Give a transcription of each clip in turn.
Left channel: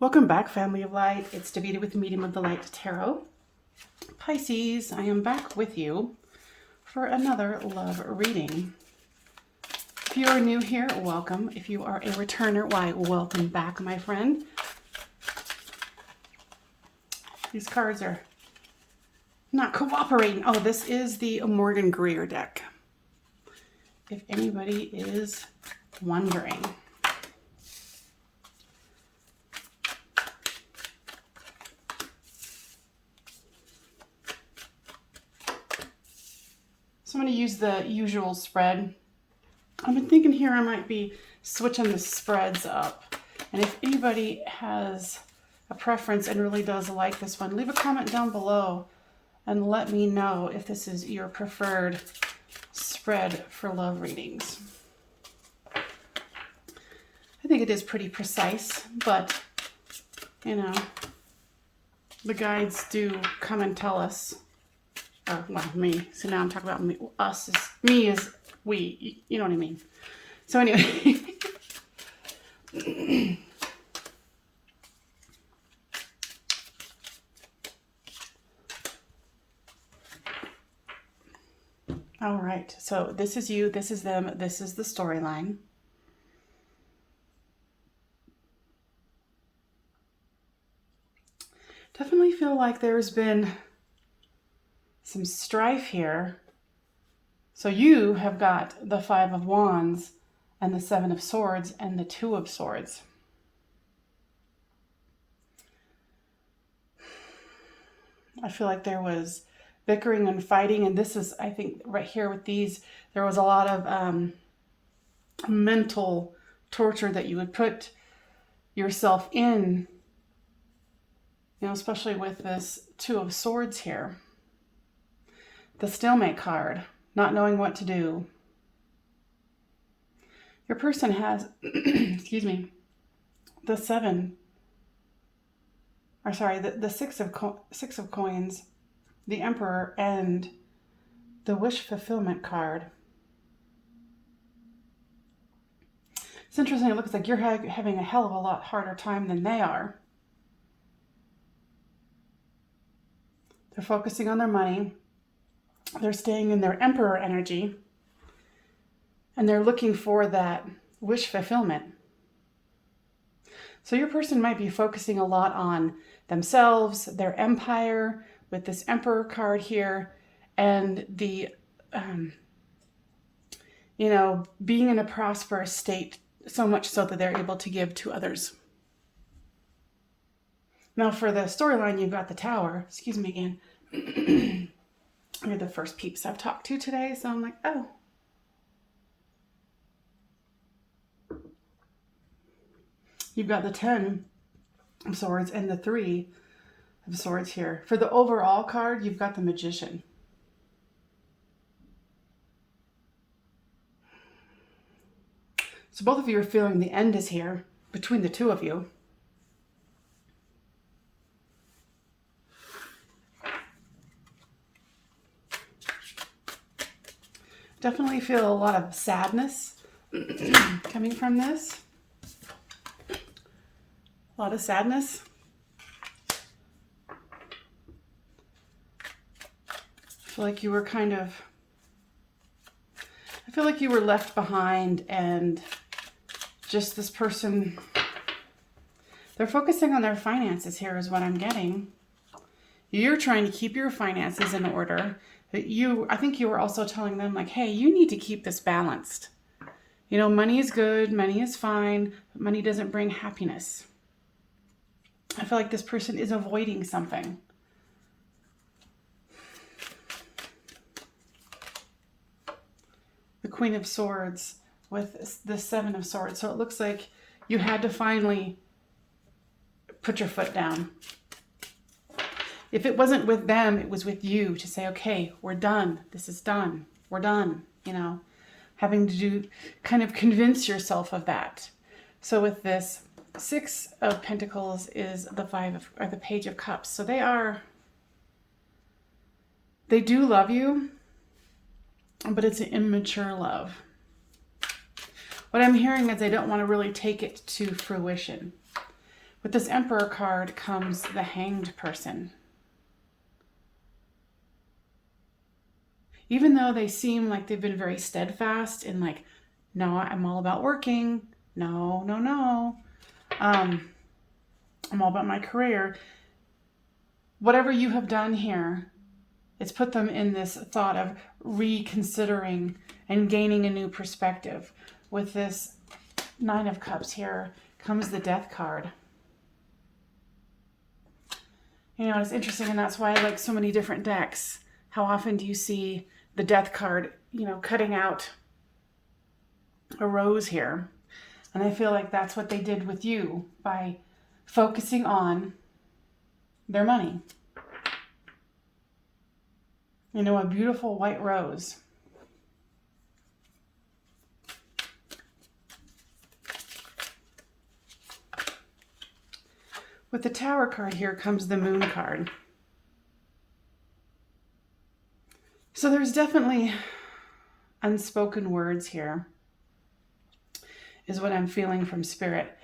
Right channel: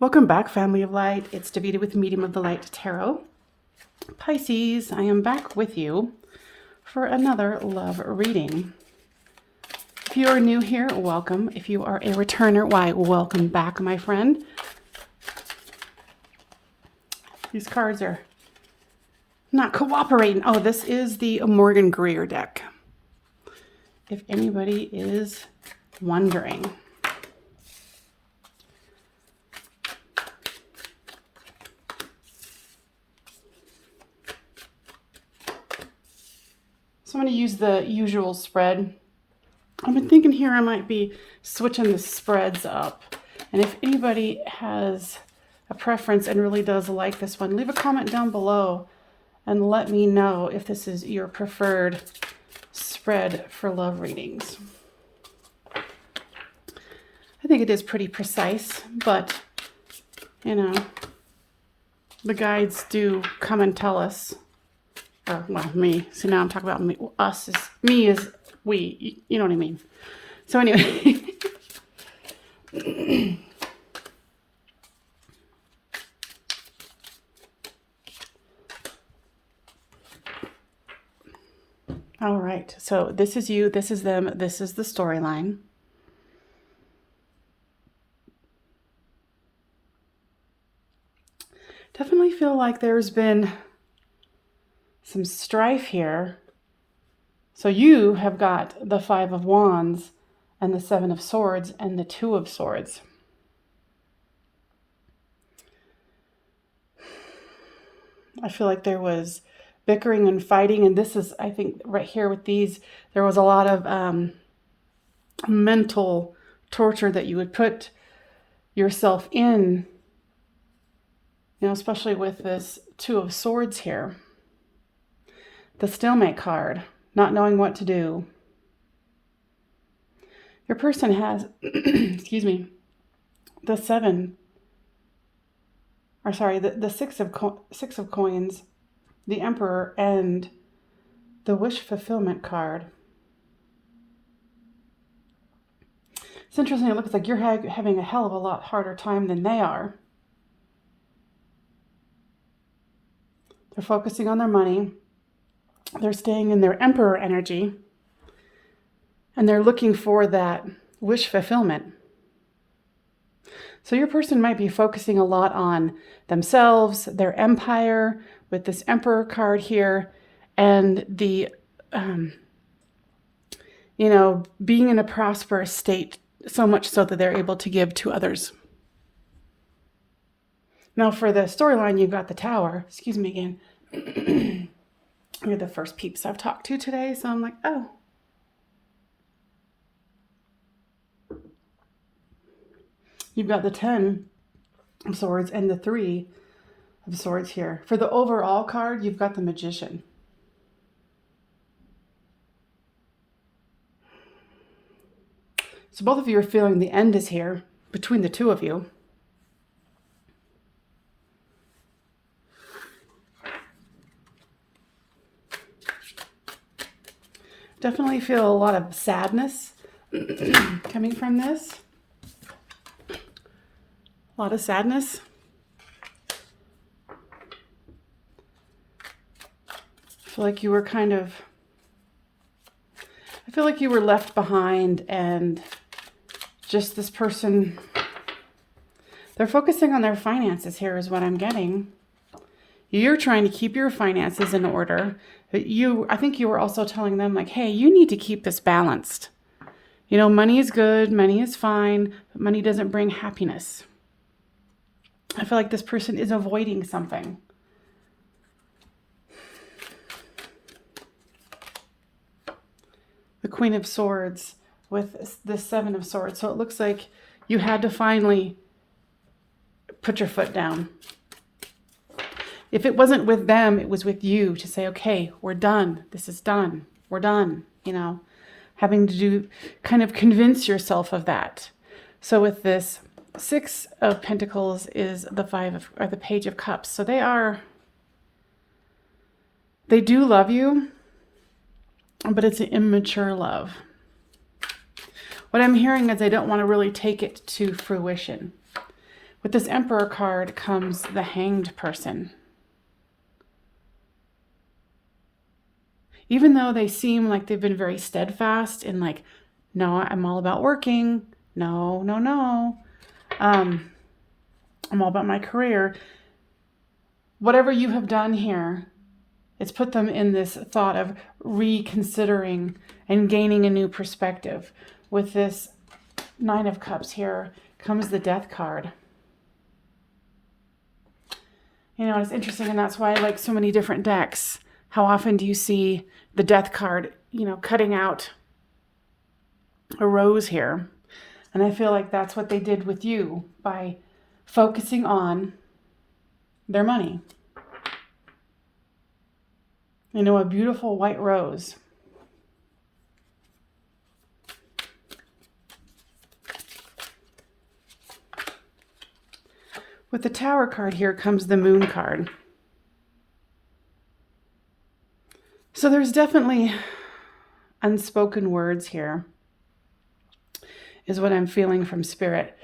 Welcome back, family of light. It's Davida with Medium of the Light Tarot. Pisces, I am back with you for another love reading. If you are new here, welcome. If you are a returner, why, welcome back, my friend. These cards are not cooperating. Oh, this is the Morgan Greer deck, if anybody is wondering. So I'm going to use the usual spread. I've been thinking here I might be switching the spreads up. And if anybody has a preference and really does like this one, leave a comment down below and let me know if this is your preferred spread for love readings. I think it is pretty precise, but you know, the guides do come and tell us. Oh, well, me. So now I'm talking about me. Us is me is we. You know what I mean. So anyway. All right. So this is you. This is them. This is the storyline. Definitely feel like there's been some strife here. So you have got the Five of Wands and the Seven of Swords and the Two of Swords. I feel like there was bickering and fighting, and this is, I think, right here with these, there was a lot of mental torture that you would put yourself in, you know, especially with this Two of Swords here. The stalemate card, not knowing what to do. Your person has, excuse me, the Six of Coins, the Emperor, and the Wish Fulfillment card. It's interesting. It looks like you're having a hell of a lot harder time than they are. They're focusing on their money. They're staying in their Emperor energy, and they're looking for that wish fulfillment. So your person might be focusing a lot on themselves, their empire, with this Emperor card here, and the, you know, being in a prosperous state, so much so that they're able to give to others. Now for the storyline, you've got the Tower. Excuse me again. You're the first peeps I've talked to today, so I'm like, oh. You've got the 10 of Swords and the 3 of Swords here. For the overall card, you've got the Magician. So both of you are feeling the end is here between the two of you. Definitely feel a lot of sadness coming from this. A lot of sadness. I feel like you were I feel like you were left behind, and just this person, they're focusing on their finances here is what I'm getting. You're trying to keep your finances in order. But I think you were also telling them, like, hey, you need to keep this balanced. You know, money is good, money is fine, but money doesn't bring happiness. I feel like this person is avoiding something. The Queen of Swords with the Seven of Swords. So it looks like you had to finally put your foot down. If it wasn't with them, it was with you to say, okay, we're done. This is done. We're done. You know, having to kind of convince yourself of that. So with this Six of Pentacles is the the Page of Cups. So they do love you, but it's an immature love. What I'm hearing is they don't want to really take it to fruition. With this Emperor card comes the Hanged person. Even though they seem like they've been very steadfast in like, no, I'm all about working. No, no, no. I'm all about my career. Whatever you have done here, it's put them in this thought of reconsidering and gaining a new perspective. With this Nine of Cups here comes the Death card. You know, it's interesting, and that's why I like so many different decks. How often do you see the Death card, you know, cutting out a rose here? And I feel like that's what they did with you by focusing on their money. You know, a beautiful white rose. With the Tower card here comes the Moon card. So there's definitely unspoken words here, is what I'm feeling from Spirit.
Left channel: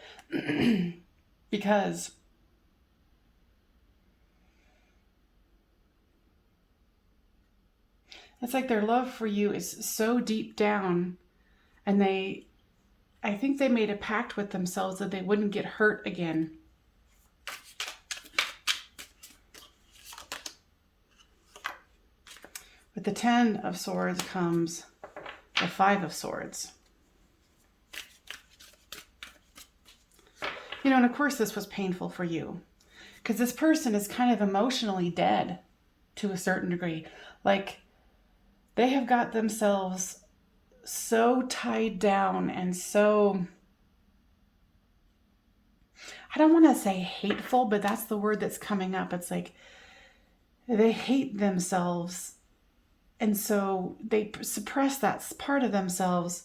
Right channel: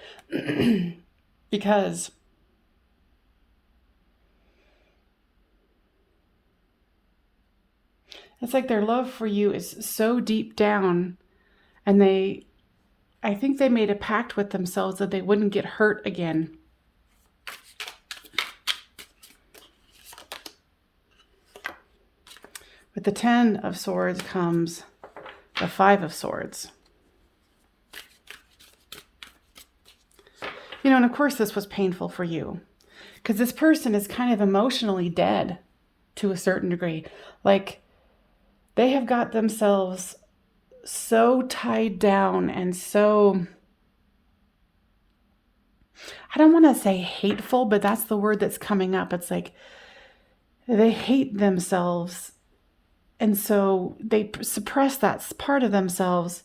Because it's like their love for you is so deep down, and I think they made a pact with themselves that they wouldn't get hurt again. With the Ten of Swords comes the Five of Swords. You know, and of course this was painful for you, because this person is kind of emotionally dead to a certain degree. Like, they have got themselves so tied down and so, I don't want to say hateful, but that's the word that's coming up. It's like they hate themselves. And so they suppress that part of themselves.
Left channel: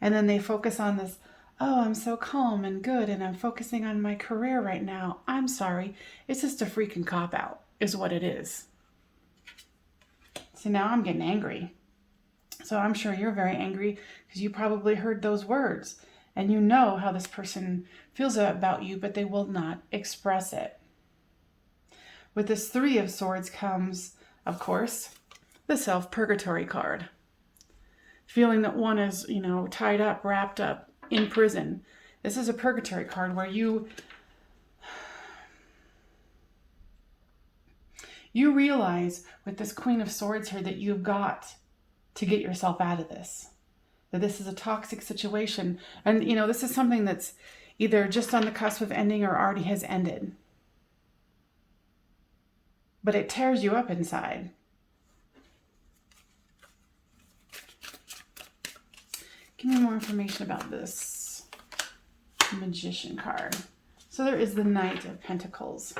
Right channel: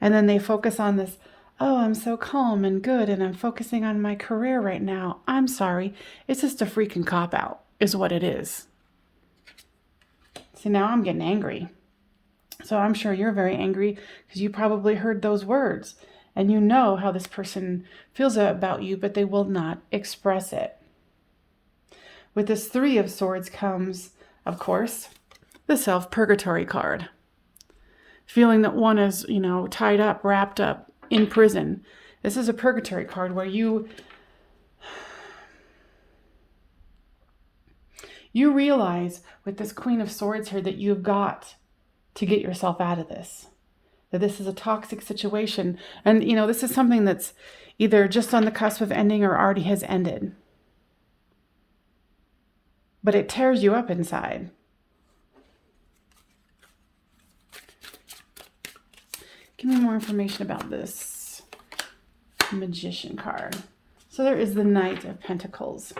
And then they focus on this, oh, I'm so calm and good, and I'm focusing on my career right now. I'm sorry. It's just a freaking cop-out is what it is. So now I'm getting angry. So I'm sure you're very angry because you probably heard those words. And you know how this person feels about you, but they will not express it. With this Three of Swords comes, of course, the Self-Purgatory card. Feeling that one is, you know, tied up, wrapped up in prison. This is a purgatory card where you realize with this Queen of Swords here that you've got to get yourself out of this. That this is a toxic situation. And, you know, this is something that's either just on the cusp of ending or already has ended. But it tears you up inside. Give me more information about this Magician card. So there is the Knight of Pentacles.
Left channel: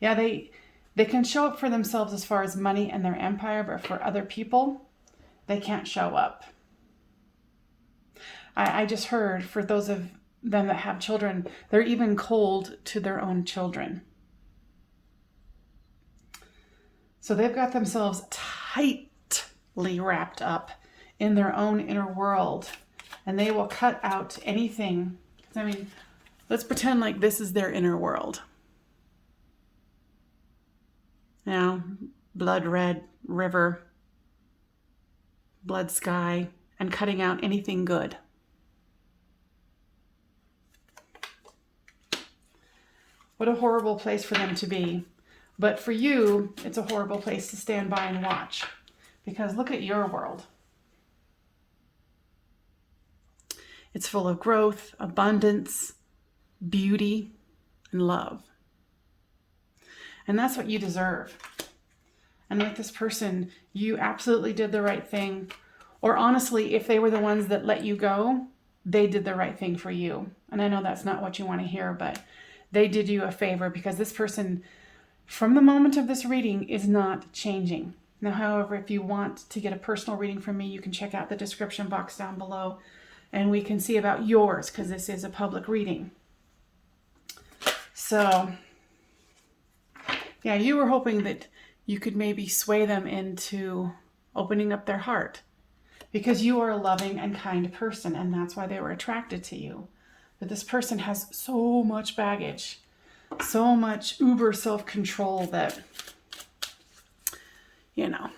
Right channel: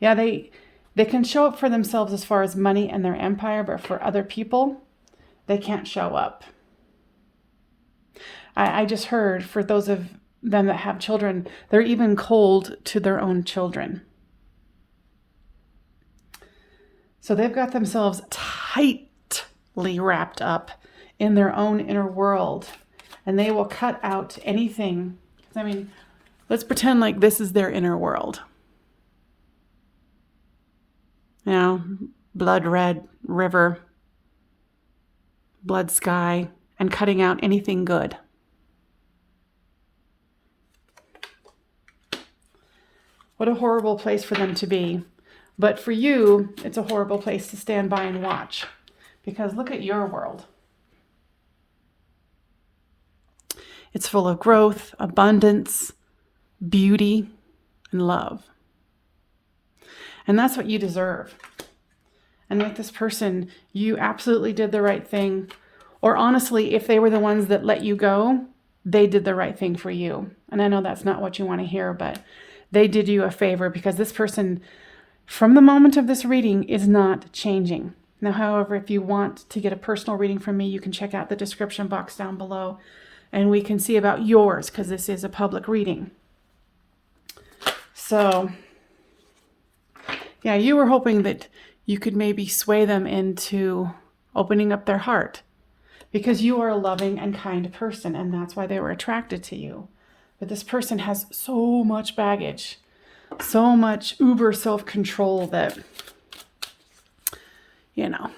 Yeah, they can show up for themselves as far as money and their empire, but for other people, they can't show up. I just heard, for those of them that have children, they're even cold to their own children. So they've got themselves tightly wrapped up in their own inner world, and they will cut out anything. I mean, let's pretend like this is their inner world. You know, blood red river, blood sky, and cutting out anything good. What a horrible place for them to be. But for you, it's a horrible place to stand by and watch. Because look at your world. It's full of growth, abundance, beauty, and love. And that's what you deserve. And with this person, you absolutely did the right thing. Or honestly, if they were the ones that let you go, they did the right thing for you. And I know that's not what you want to hear, but they did you a favor, because this person, from the moment of this reading, is not changing. Now, however, if you want to get a personal reading from me, you can check out the description box down below, and we can see about yours, because this is a public reading. So, yeah, you were hoping that you could maybe sway them into opening up their heart, because you are a loving and kind person, and that's why they were attracted to you. But this person has so much baggage. so much uber self-control that, you know.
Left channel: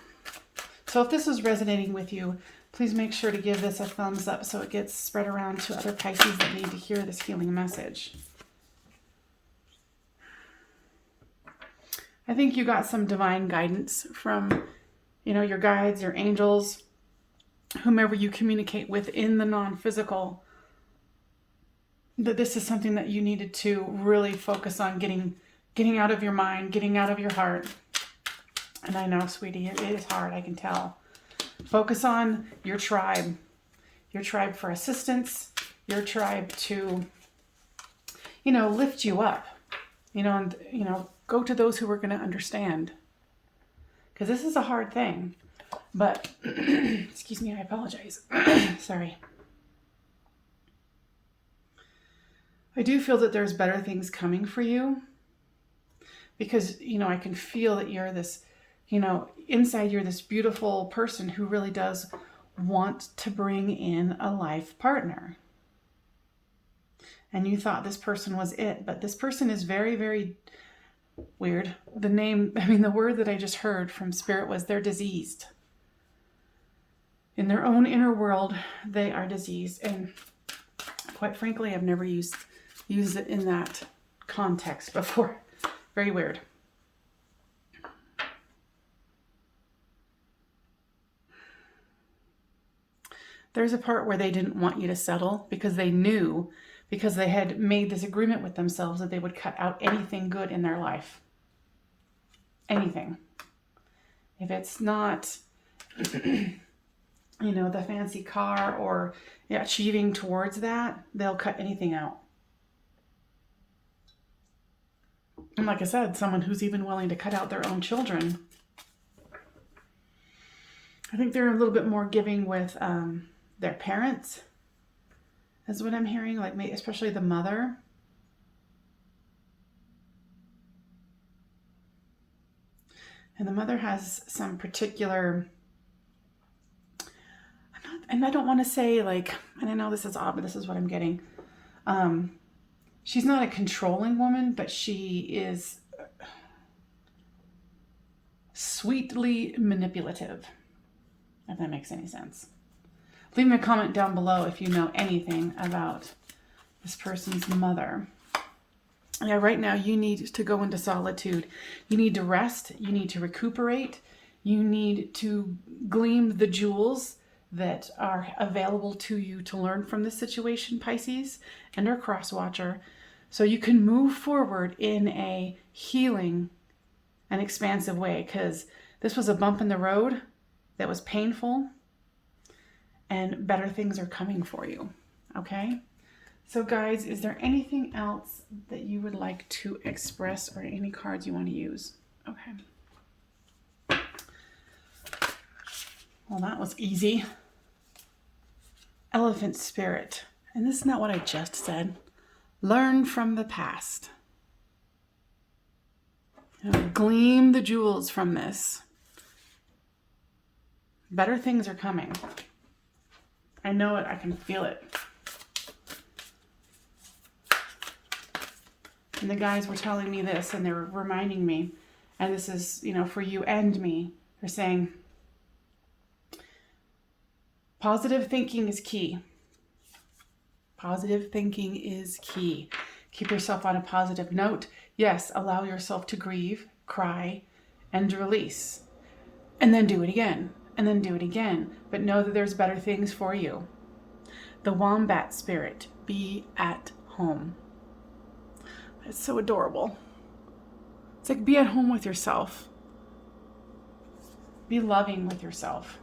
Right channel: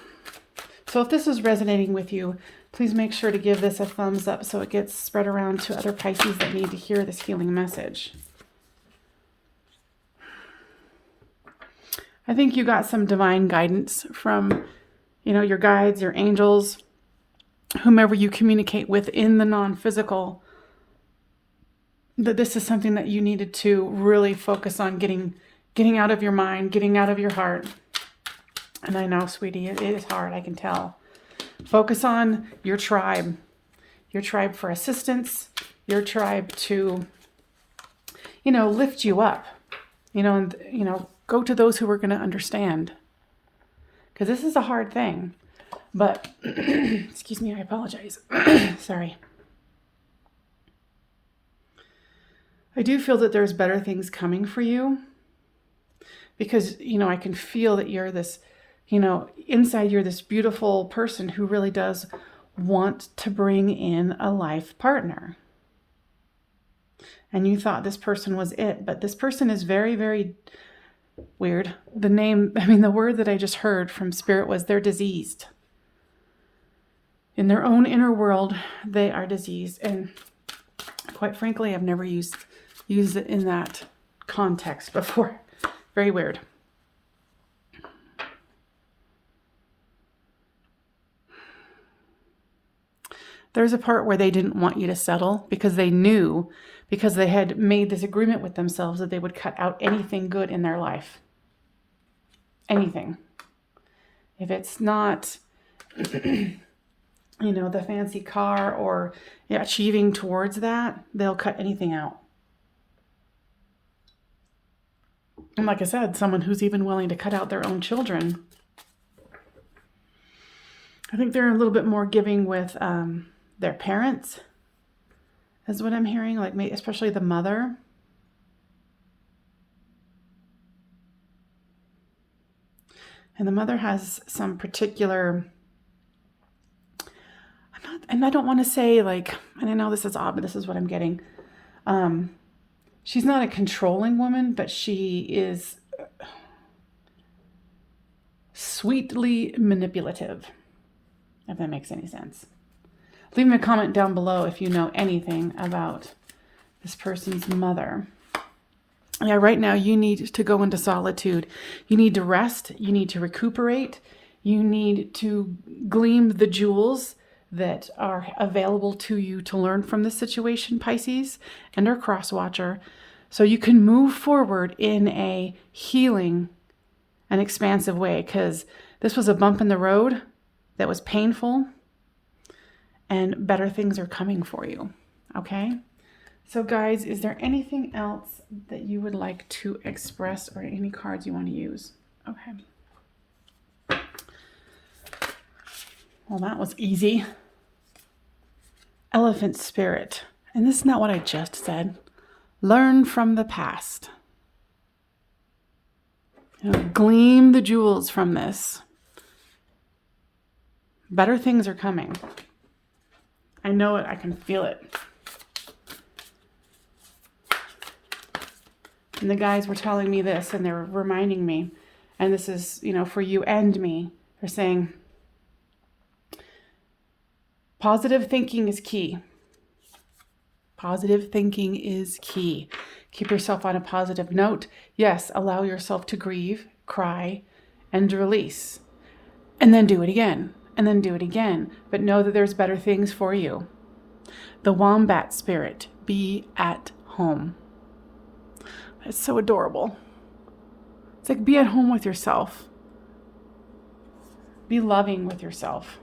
So if this is resonating with you, please make sure to give this a thumbs up so it gets spread around to other Pisces that need to hear this healing message. I think you got some divine guidance from, you know, your guides, your angels, whomever you communicate with in the non-physical, that this is something that you needed to really focus on getting out of your mind, getting out of your heart. And I know, sweetie, it is hard, I can tell. Focus on your tribe for assistance, your tribe to, you know, lift you up, you know, and, you know, go to those who are going to understand. Because this is a hard thing. But, excuse me, I apologize. Sorry. I do feel that there's better things coming for you. Because, you know, I can feel that you're this, you know, inside you're this beautiful person who really does want to bring in a life partner. And you thought this person was it. But this person is very, very weird. The word that I just heard from Spirit was they're diseased. In their own inner world, they are diseased. And quite frankly, I've never used it in that context before. Very weird. There's a part where they didn't want you to settle because they knew, because they had made this agreement with themselves that they would cut out anything good in their life. Anything. If it's not, you know, the fancy car or achieving towards that, they'll cut anything out. And like I said, someone who's even willing to cut out their own children. I think they're a little bit more giving with their parents, is what I'm hearing, like especially the mother. And the mother has some particular, and I don't want to say like, and I know this is odd, but this is what I'm getting. She's not a controlling woman, but she is sweetly manipulative, if that makes any sense. Leave me a comment down below if you know anything about this person's mother. Yeah, right now you need to go into solitude. You need to rest. You need to recuperate. You need to glean the jewels that are available to you to learn from this situation, Pisces, and our cross watcher, so you can move forward in a healing and expansive way, because this was a bump in the road that was painful, and better things are coming for you, okay? So guys, is there anything else that you would like to express or any cards you want to use? Okay. Well, that was easy. Elephant spirit. And this is not what I just said. Learn from the past. You know, glean the jewels from this. Better things are coming. I know it. I can feel it. And the guys were telling me this, and they're reminding me, and this is, you know, for you and me. They're saying, positive thinking is key. Positive thinking is key. Keep yourself on a positive note. Yes, allow yourself to grieve, cry, and release. And then do it again. And then do it again. But know that there's better things for you. The wombat spirit. Be at home. It's so adorable. It's like be at home with yourself. Be loving with yourself.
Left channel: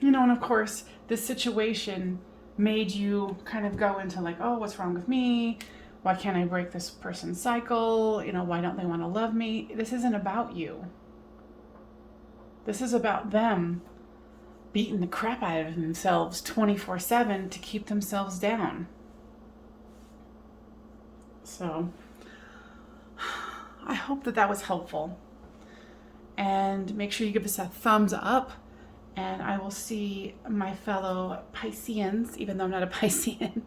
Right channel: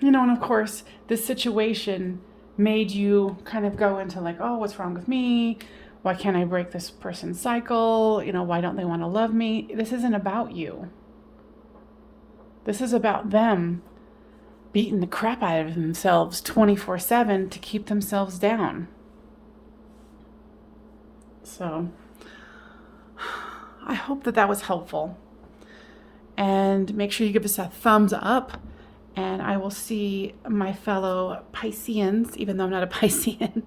You know, and of course, this situation made you kind of go into like, oh, what's wrong with me? Why can't I break this person's cycle? You know, why don't they want to love me? This isn't about you. This is about them beating the crap out of themselves 24/7 to keep themselves down. So I hope that was helpful. And make sure you give us a thumbs up And I will see my fellow Pisceans, even though I'm not a Piscean.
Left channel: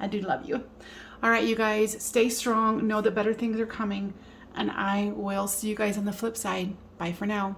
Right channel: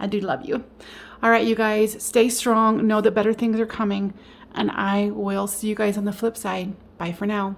I do love you. All right, you guys, stay strong. Know that better things are coming. And I will see you guys on the flip side. Bye for now.